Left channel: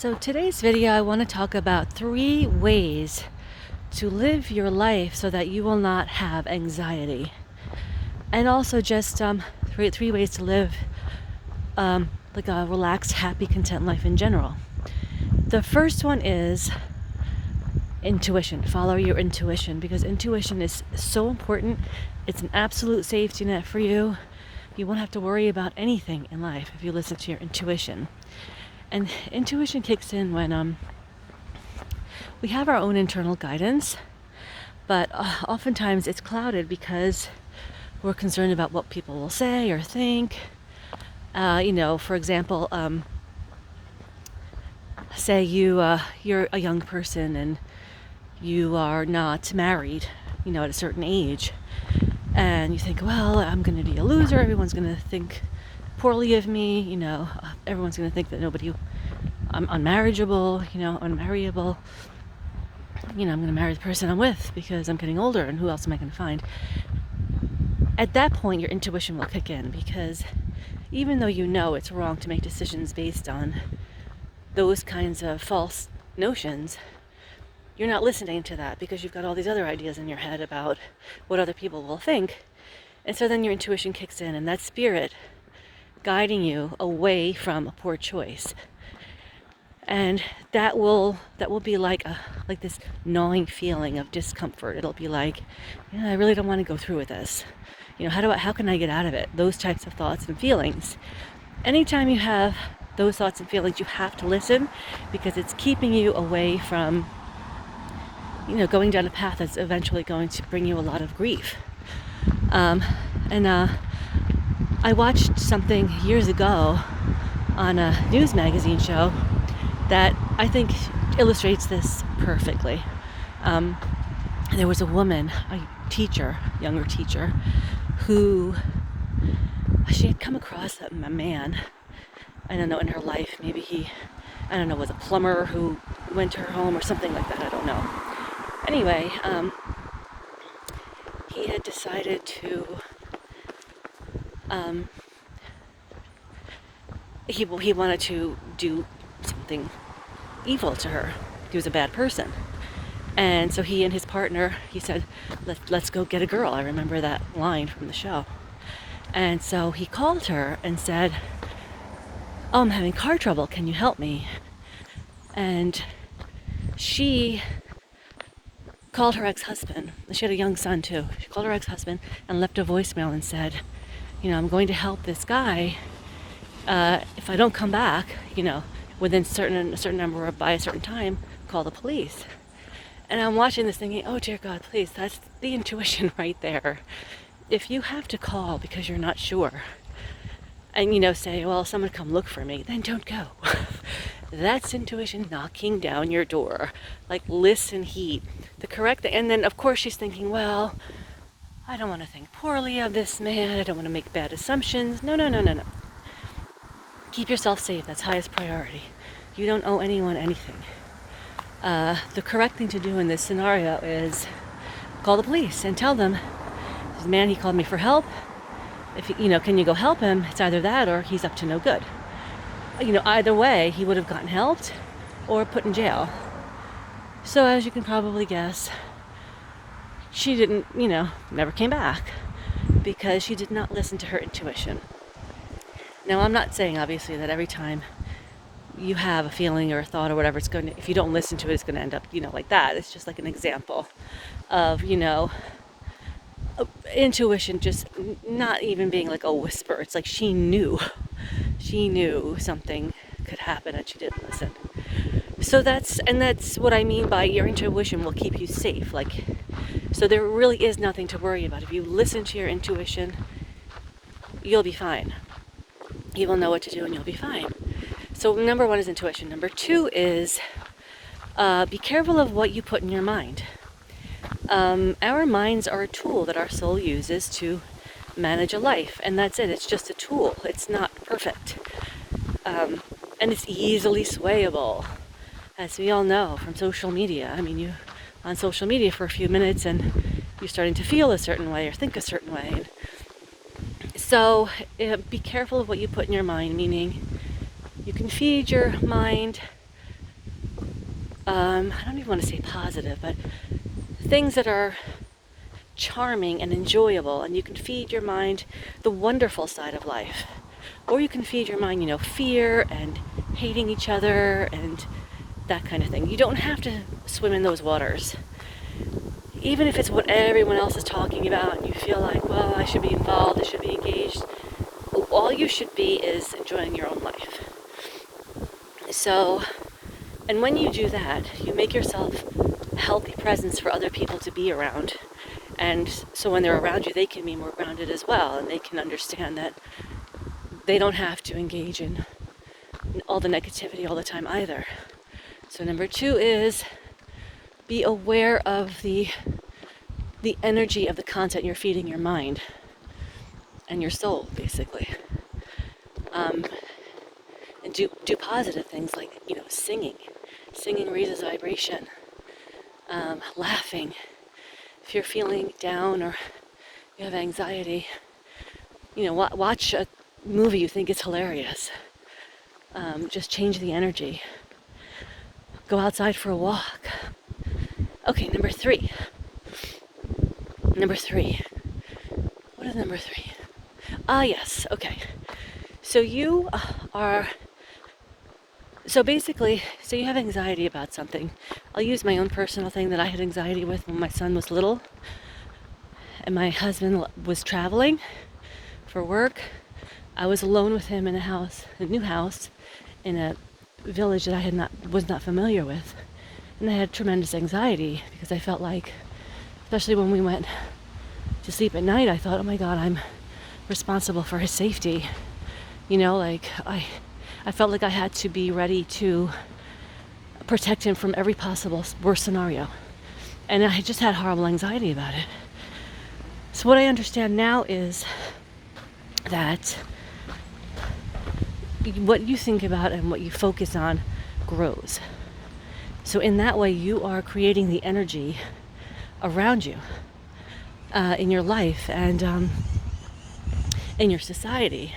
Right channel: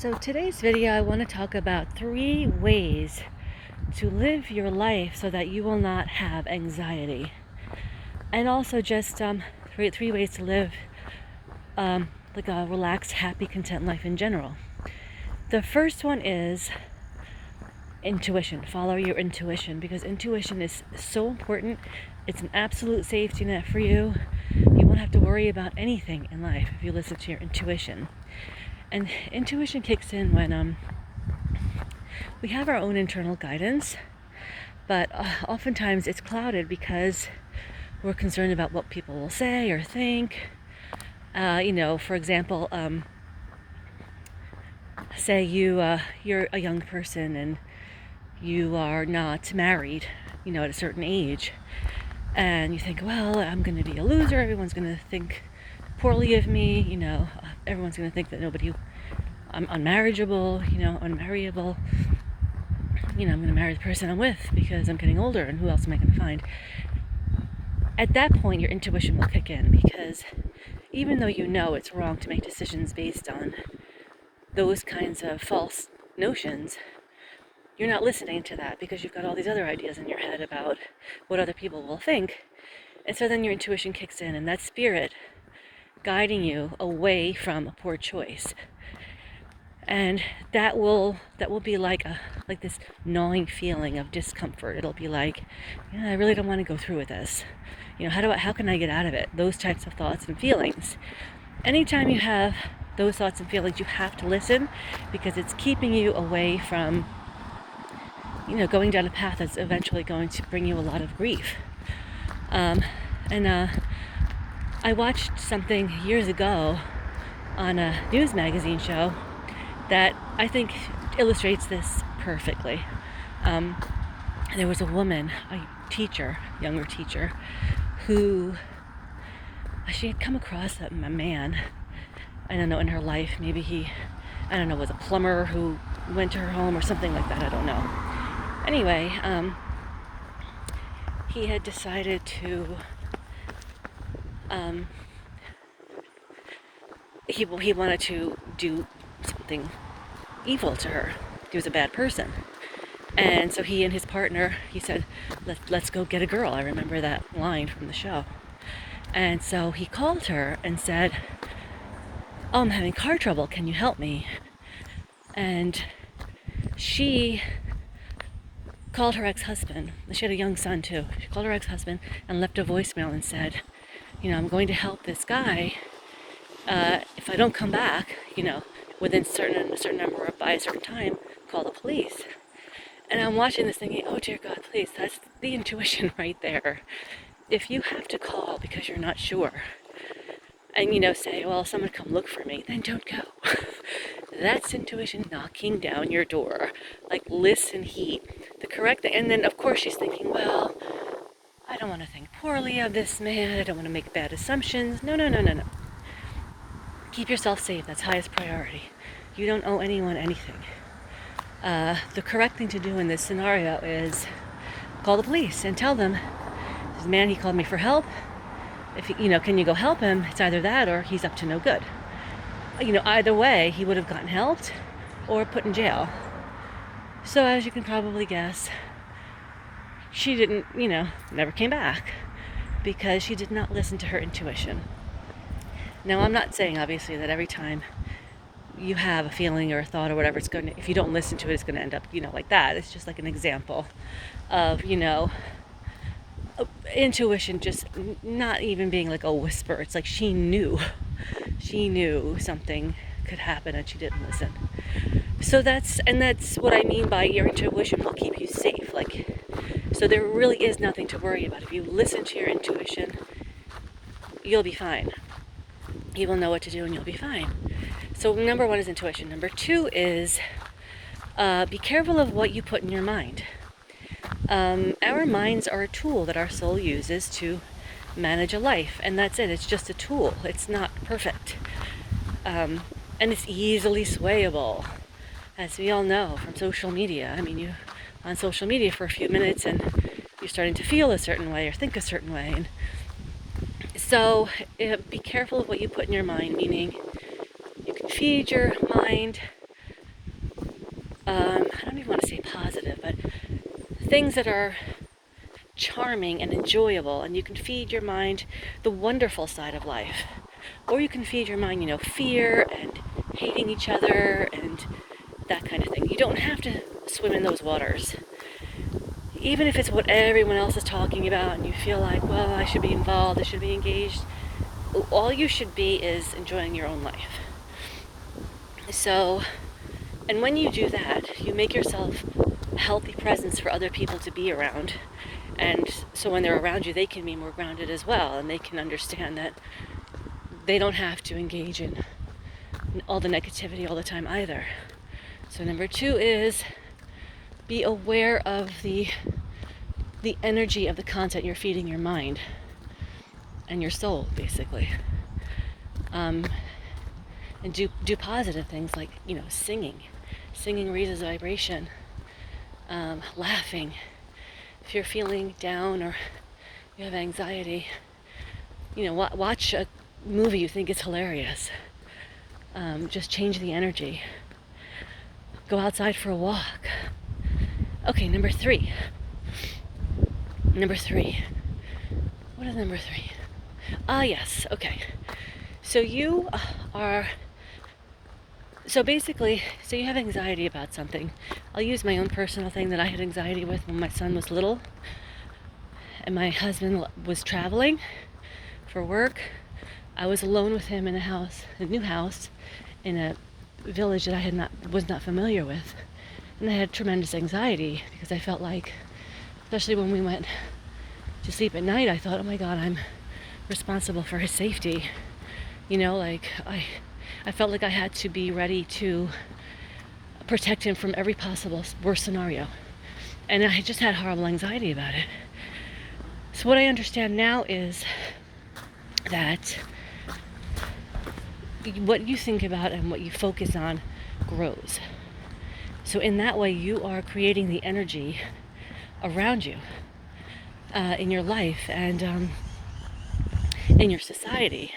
So today's video, I want to talk about 3 ways to live your life so that you will not have anxiety. And also just three ways to live like a relaxed, happy, content life in general. The first one is intuition. Follow your intuition, because intuition is so important. It's an absolute safety net for you. You won't have to worry about anything in life if you listen to your intuition. And intuition kicks in when we have our own internal guidance, but oftentimes it's clouded because we're concerned about what people will say or think. For example, say you're a young person and you are not married, at a certain age, and you think, well, I'm going to be a loser. Everyone's going to think poorly of me. Everyone's going to think that I'm unmarriageable, unmarriable. I'm going to marry the person I'm with because I'm getting older, and who else am I going to find? At that point, your intuition will kick in, because even though it's wrong to make decisions based on those kinds of false notions, you're not listening to that because you've got all these other ideas in your head about what other people will think. And so then your intuition kicks in, and that spirit guiding you away from a poor choice. And that will be like this gnawing feeling of discomfort. It'll be like, I really don't want to go through with this. How can I get out of it? Those types of thoughts and feelings. Anytime you have those thoughts and feelings, you have to listen, because it's keeping you away from, going down a path that's eventually going to bring you a lot of grief. I watched something years ago on a news magazine show that I think illustrates this perfectly. There was a woman, younger teacher, who she had come across a man, I don't know, in her life. Maybe he, was a plumber who went to her home or something like that. I don't know. Anyway, he had decided to, he wanted to do something evil to her. He was a bad person. And so he and his partner, he said, let's go get a girl. I remember that line from the show. And so he called her and said, I'm having car trouble. Can you help me? And she called her ex-husband. She had a young son too. She called her ex-husband and left a voicemail and said, I'm going to help this guy. If I don't come back, within a certain number or by a certain time, call the police. And I'm watching this thinking, oh dear God, please, that's the intuition right there. If you have to call because you're not sure, and say, well, someone come look for me, then don't go. That's intuition knocking down your door. Like, listen, heed. And then of course she's thinking, well, I don't want to think poorly of this man. I don't want to make bad assumptions. No. Keep yourself safe. That's highest priority. You don't owe anyone anything. The correct thing to do in this scenario is call the police and tell them, this man, he called me for help. Can you go help him? It's either that or he's up to no good. Either way, he would have gotten helped or put in jail. So as you can probably guess, she didn't, never came back, because she did not listen to her intuition. Now, I'm not saying, obviously, that every time you have a feeling or a thought or whatever, if you don't listen to it, it's going to end up, like that. It's just like an example of, intuition just not even being like a whisper. It's like she knew something could happen and she didn't listen. So that's what I mean by your intuition will keep you safe. So there really is nothing to worry about. If you listen to your intuition, you'll be fine. You will know what to do and you'll be fine. So number 1 is intuition. Number 2 is be careful of what you put in your mind. Our minds are a tool that our soul uses to manage a life, and that's it. It's just a tool. It's not perfect. And it's easily swayable, as we all know from social media. You're on social media for a few minutes and you're starting to feel a certain way or think a certain way. So be careful of what you put in your mind, meaning you can feed your mind I don't even want to say positive, but things that are charming and enjoyable, and you can feed your mind the wonderful side of life. Or you can feed your mind, fear and hating each other and that kind of thing. You don't have to swim in those waters. Even if it's what everyone else is talking about and you feel like, well, I should be involved, I should be engaged, all you should be is enjoying your own life. So, and when you do that, you make yourself a healthy presence for other people to be around. And so when they're around you, they can be more grounded as well, and they can understand that they don't have to engage in all the negativity all the time either. So number 2 is be aware of the energy of the content you're feeding your mind and your soul, basically. And do positive things like, singing. Singing raises vibration. Laughing. If you're feeling down or you have anxiety, watch a movie you think is hilarious. Just change the energy. Go outside for a walk. Okay, number 3. Number 3. What is number 3? Yes, okay. So you basically, you have anxiety about something. I'll use my own personal thing that I had anxiety with when my son was little. And my husband was traveling for work. I was alone with him in a new house, in a village that I was not familiar with. And I had tremendous anxiety because I felt like, especially when we went to sleep at night, I thought, oh my God, I'm responsible for his safety. I felt like I had to be ready to protect him from every possible worst scenario. And I just had horrible anxiety about it. So what I understand now is that what you think about and what you focus on grows. So in that way, you are creating the energy around you in your life and in your society.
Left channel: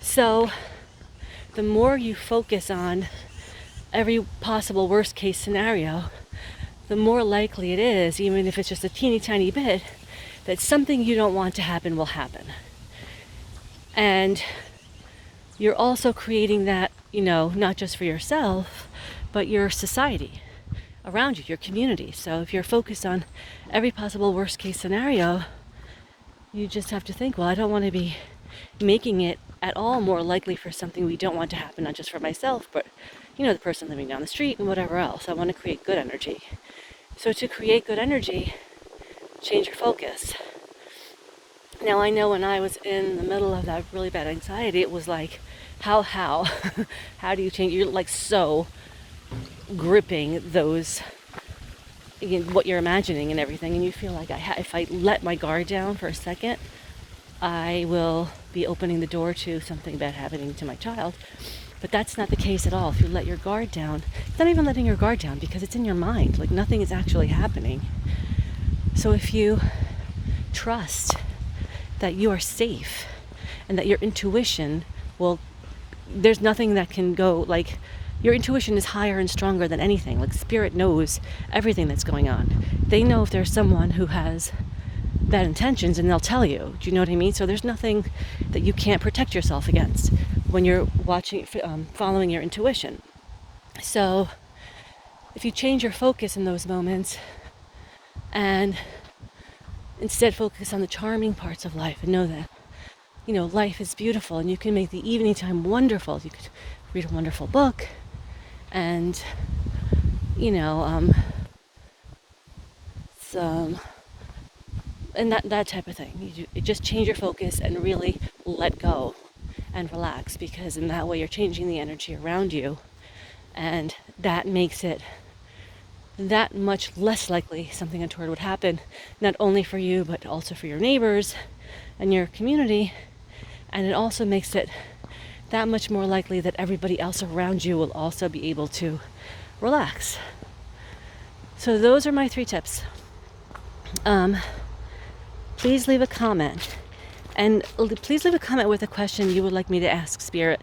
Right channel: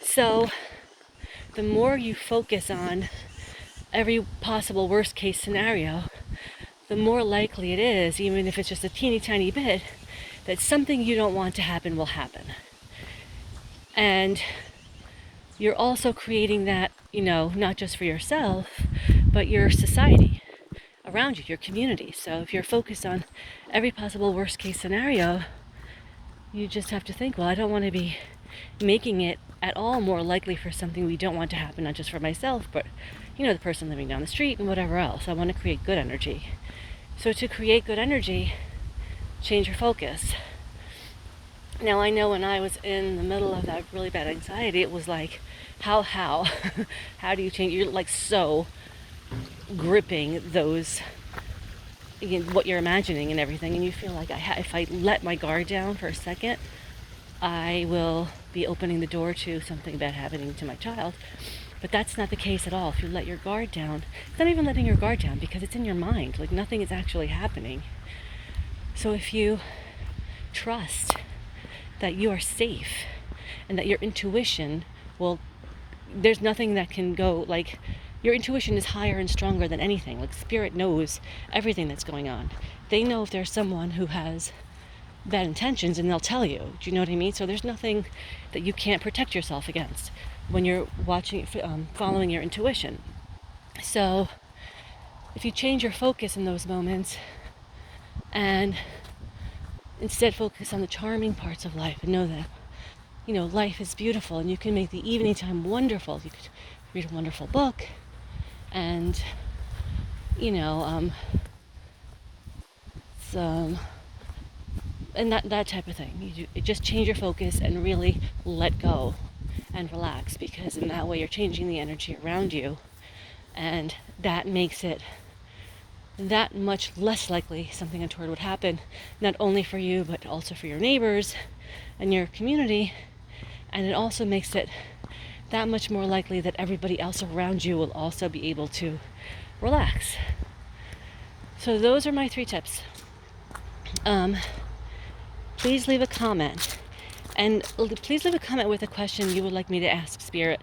So the more you focus on every possible worst case scenario, the more likely it is, even if it's just a teeny tiny bit, that something you don't want to happen will happen. And you're also creating that, not just for yourself, but your society around you, your community. So if you're focused on every possible worst case scenario, you just have to think, well, I don't want to be making it at all more likely for something we don't want to happen, not just for myself, but, the person living down the street and whatever else. I want to create good energy. So to create good energy, change your focus. Now, I know when I was in the middle of that really bad anxiety, it was like, how do you change? You're like so gripping those, what you're imagining and everything, and you feel like if I let my guard down for a second, I will be opening the door to something bad happening to my child. But that's not the case at all. If you let your guard down, it's not even letting your guard down because it's in your mind. Like nothing is actually happening. So if you trust that you are safe and that your intuition there's nothing that can go, like your intuition is higher and stronger than anything. Like spirit knows everything that's going on. They know if there's someone who has bad intentions and they'll tell you. Do you know what I mean? So there's nothing that you can't protect yourself against when you're following your intuition. So if you change your focus in those moments and instead focus on the charming parts of life and know that, life is beautiful and you can make the evening time wonderful. You could read a wonderful book and, and that type of thing. You just change your focus and really let go and relax, because in that way you're changing the energy around you, and that makes it that much less likely something untoward would happen, not only for you but also for your neighbors and your community. And it also makes it that much more likely that everybody else around you will also be able to relax. So those are my 3 tips. Please leave a comment, and please leave a comment with a question you would like me to ask Spirit,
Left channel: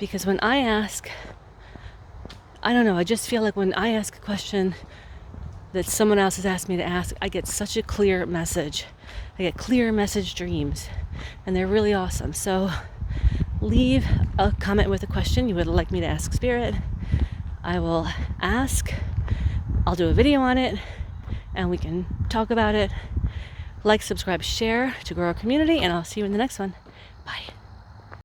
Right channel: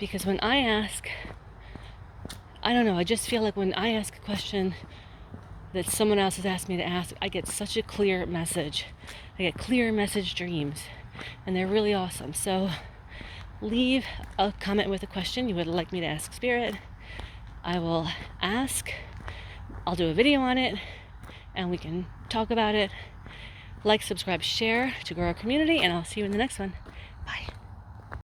because when I ask I don't know, I just feel like when I ask a question that someone else has asked me to ask, I get such a clear message. I get clear message dreams, and they're really awesome. So leave a comment with a question you would like me to ask Spirit. I will ask. I'll do a video on it, and we can talk about it. Like, subscribe, share to grow our community, and I'll see you in the next one. Bye.